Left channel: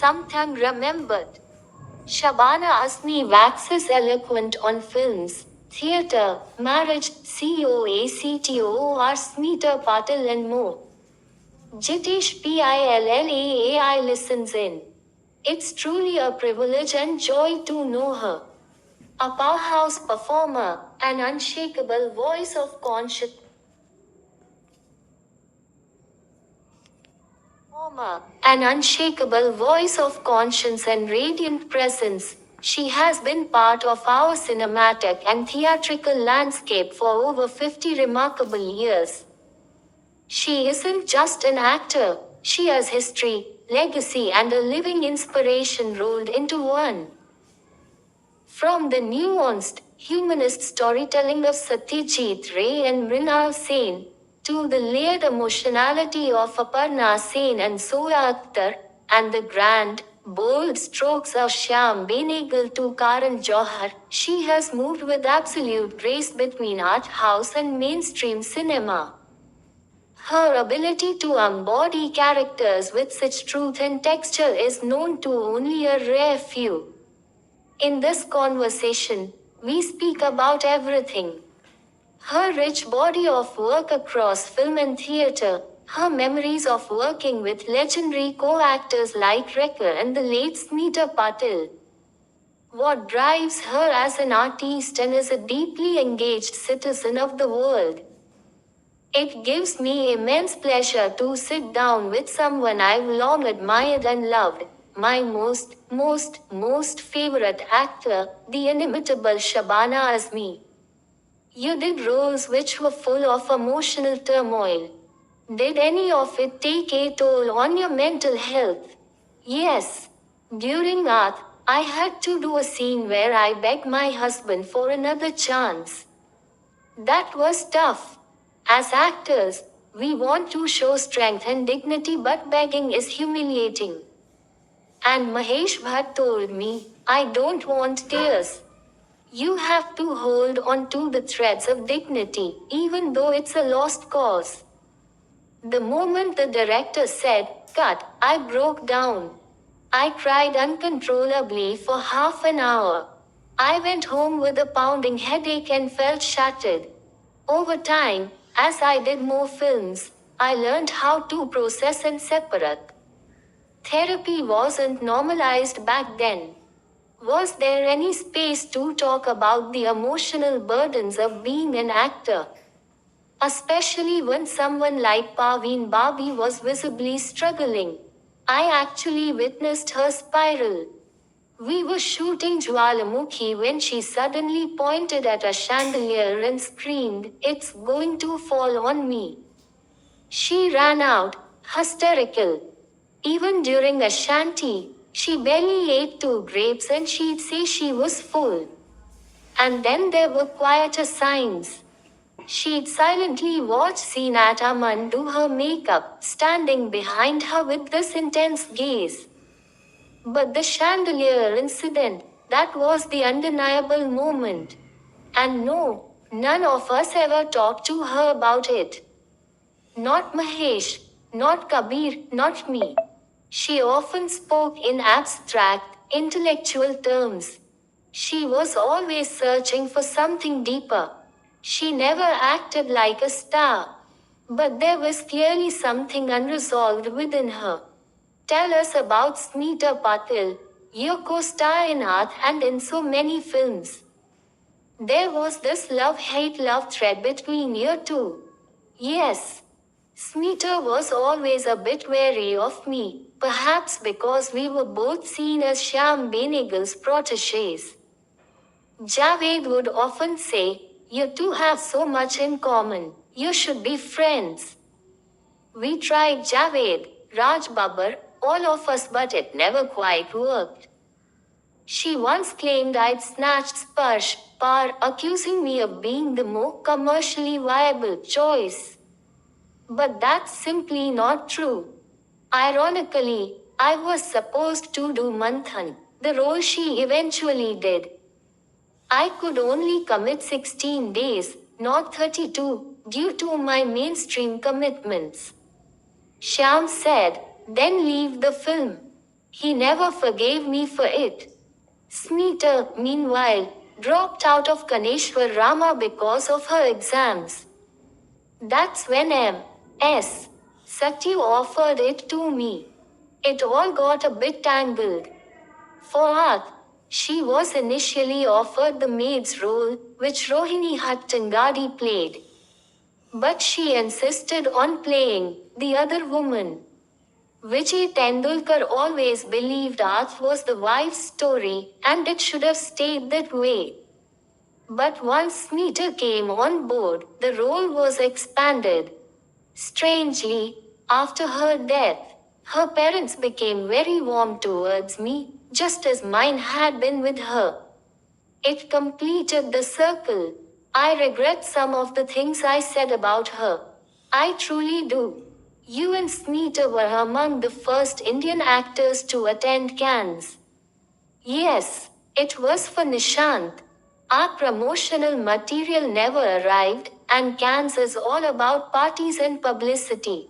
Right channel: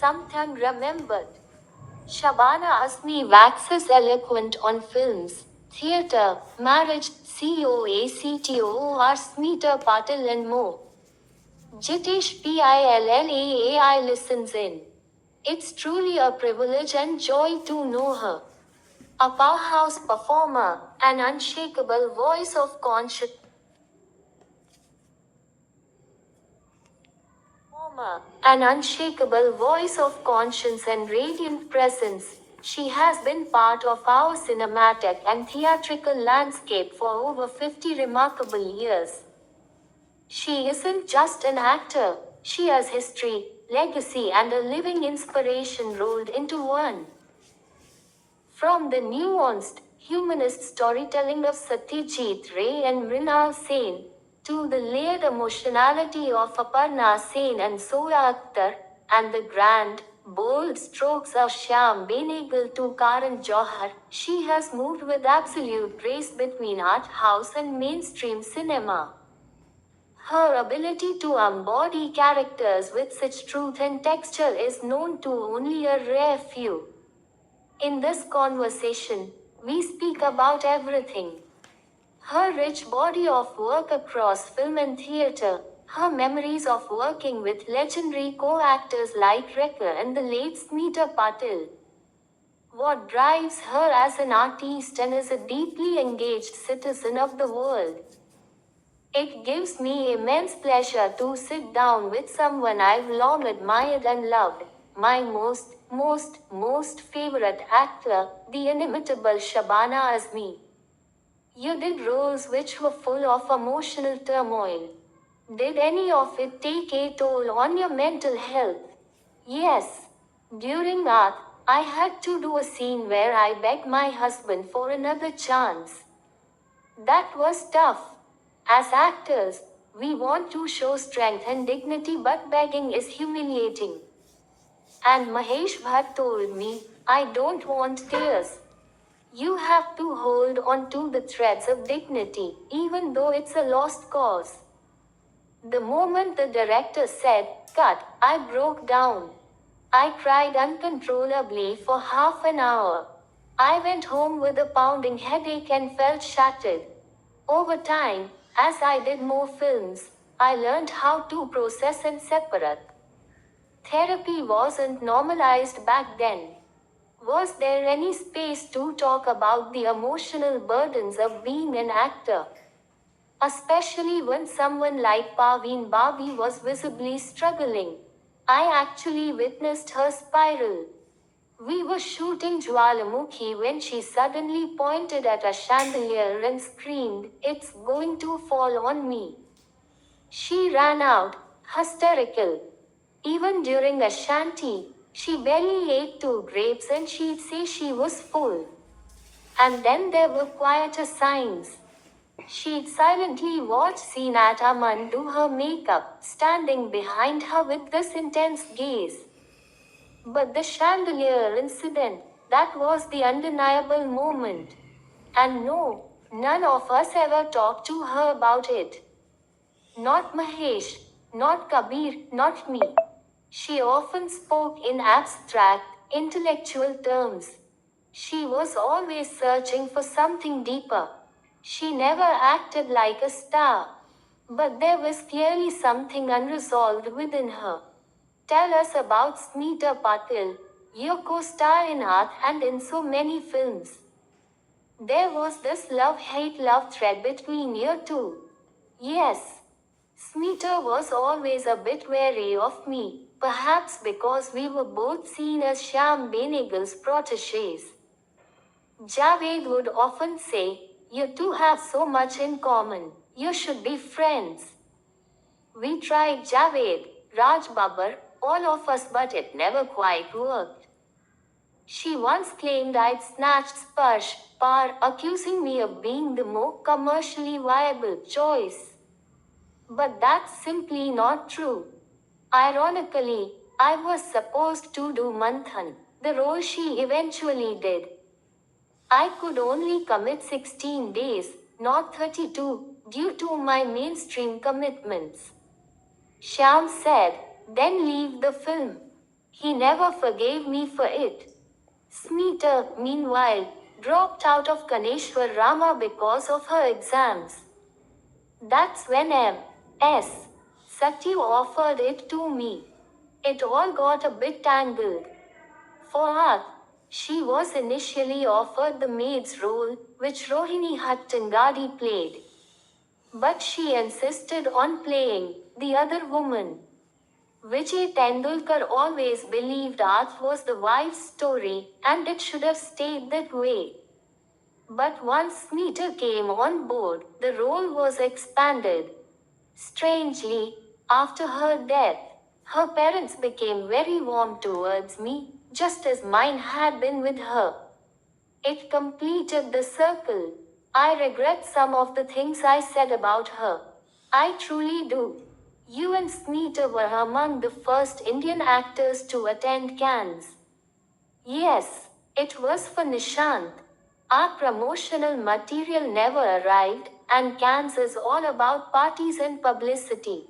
sometime remembered. Shabana Azmi waxes eloquent on films, theatre, marriage, COACTOR, Smita Patil and more. Jitesh Pillaai listens in. It's truly a privilege and joy to know her. A powerhouse performer, an unshakable voice of conscience. An unshakable voice of conscience and radiant presence, she has been part of our cinematic and theatrical landscape for over 50 remarkable years. She isn't just an actor, she has history, legacy, and a living inspiration rolled into one. From the nuanced, humanist storytelling of Satyajit Ray and Mrinal Sen, to the layered emotionality of Aparna Sen and Zoya Akhtar, and the grand, bold strokes of Shyam Benegal to Karan Johar, she has moved with absolute grace between art house and mainstream cinema. Her ability to embody characters with such truth and texture is known to only a rare few. In this conversation, we speak about everything. Her rich body of work across film and theatre, her memories of working with legendary co-actors like Rekha and the late Smita Patil. What drives her as an artist and as a deeply engaged citizen of the world. It gives me immense pleasure to sit down with someone I've long admired and loved, my most favorite actor, the inimitable Shabana Azmi. You did roles which were full of emotional turmoil. Did any of it take a toll on your mental health? Yes. During Art, I had to do a scene where I begged my husband for another chance. That was tough. As actors, we want to show strength and dignity, but begging is humiliating. And Mahesh Bhatt told me, I don't want tears. You have to hold on to the threads of dignity, even though it's a lost cause. The moment the director said, cut, I broke down. I cried uncontrollably for half an hour. I went home with a pounding headache and felt shattered. Over time, as I did more films, I learned how to process and separate. Therapy wasn't normalized back then. Was there any space to talk about the emotional burdens of being an actor? Especially when someone like Parveen Babi was visibly struggling. I actually witnessed her spiral. We were shooting Jwalamukhi when she suddenly pointed at a chandelier and screamed, it's going to fall on me. She ran out, hysterical. Even during a shanty, she barely ate two grapes and she'd say she was full. And then there were quieter signs. She'd silently watch Seenat Aman do her makeup, standing behind her with this intense gaze. But the chandelier incident, that was the undeniable moment. And no, none of us ever talked to her about it. Not Mahesh, not Kabir, not me. She often spoke in abstract, intellectual terms. She was always searching for something deeper. She never acted like a star. But there was clearly something unresolved within her. Tell us about Smita Patil, your co-star in Art and in so many films. There was this love-hate love thread between you two. Yes. Smita was always a bit wary of me, perhaps because we were both seen as Shyam Benegal's proteges. Javed would often say, you two have so much in common, you should be friends. We tried Javed, Raj Babbar, all of us, but it never quite worked. She once claimed I'd snatched Sparsh, Par, accusing me of being the more commercially viable choice. But that's simply not true. Ironically, I was supposed to do Manthan, the role she eventually did. I could only commit 16 days, not 32, due to my mainstream commitments. Shyam said, then leave the film. He never forgave me for it. Smita, meanwhile, dropped out of Kaneshwar Rama because of her exams. That's when M.S. Satyu offered it to me. It all got a bit tangled. For Arth, she was initially offered the maid's role, which Rohini Hattangadi played. But she insisted on playing the other woman. Vijay Tendulkar always believed Arth was the wife's story, and it should have stayed that way. But once Smita came on board, the role was expanded. Strangely, after her death, her parents became very warm towards me, just as mine had been with her. It completed the circle. I regret some of the things I said about her. I truly do. You and Smita were among the first Indian actors to attend Cannes. Yes, it was for Nishant. Our promotional material never arrived, and Cannes is all about parties and publicity.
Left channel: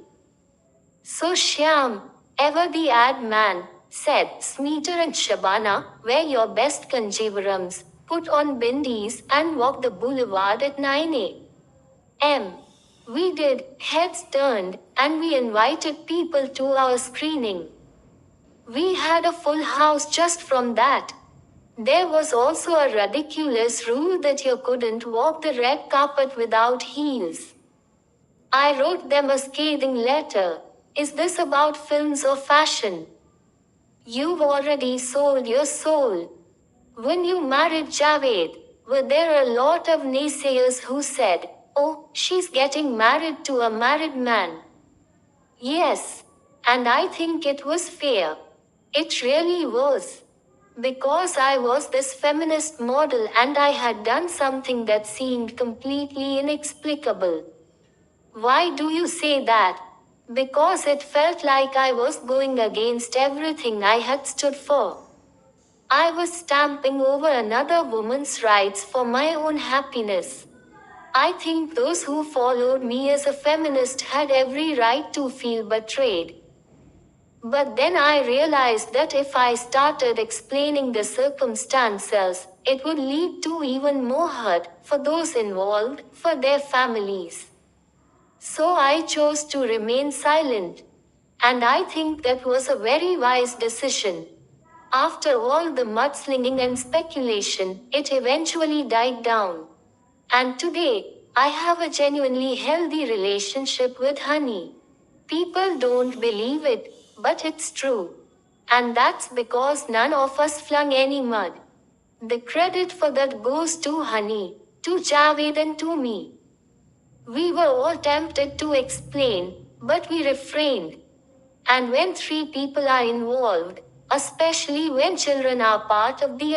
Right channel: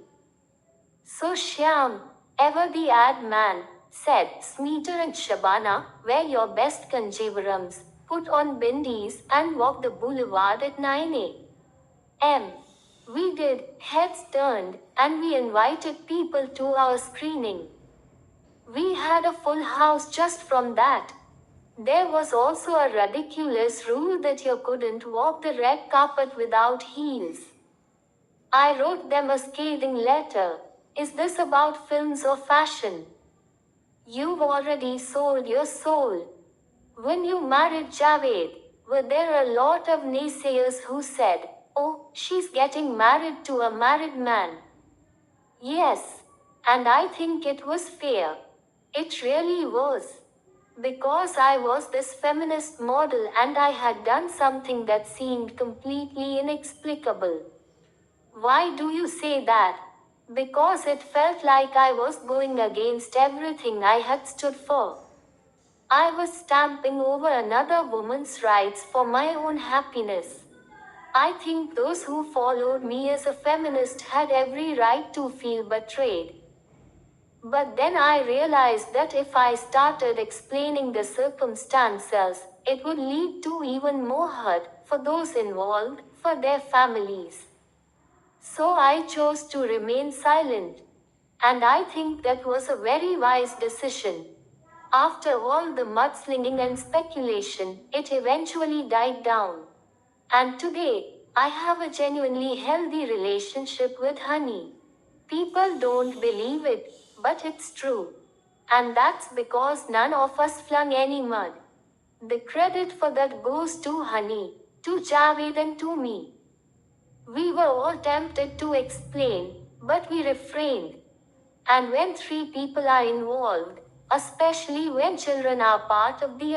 So Shyam, ever the ad man, said, Smeeter and Shabana, wear your best kanjivarams, put on bindis, and walk the boulevard at 9 a.m. We did, heads turned, and we invited people to our screening. We had a full house just from that. There was also a ridiculous rule that you couldn't walk the red carpet without heels. I wrote them a scathing letter. Is this about films or fashion? You've already sold your soul. When you married Javed, were there a lot of naysayers who said, oh, she's getting married to a married man? Yes, and I think it was fair. It really was. Because I was this feminist model and I had done something that seemed completely inexplicable. Why do you say that? Because it felt like I was going against everything I had stood for. I was stamping over another woman's rights for my own happiness. I think those who followed me as a feminist had every right to feel betrayed. But then I realized that if I started explaining the circumstances, it would lead to even more hurt for those involved, for their families. So I chose to remain silent. And I think that was a very wise decision. After all the mudslinging and speculation, it eventually died down. And today, I have a genuinely healthy relationship with Honey. People don't believe it, but it's true. And that's because none of us flung any mud. The credit for that goes to Honey, to Javed and to me. We were all tempted to explain, but we refrained. And when three people are involved, especially when children are part of the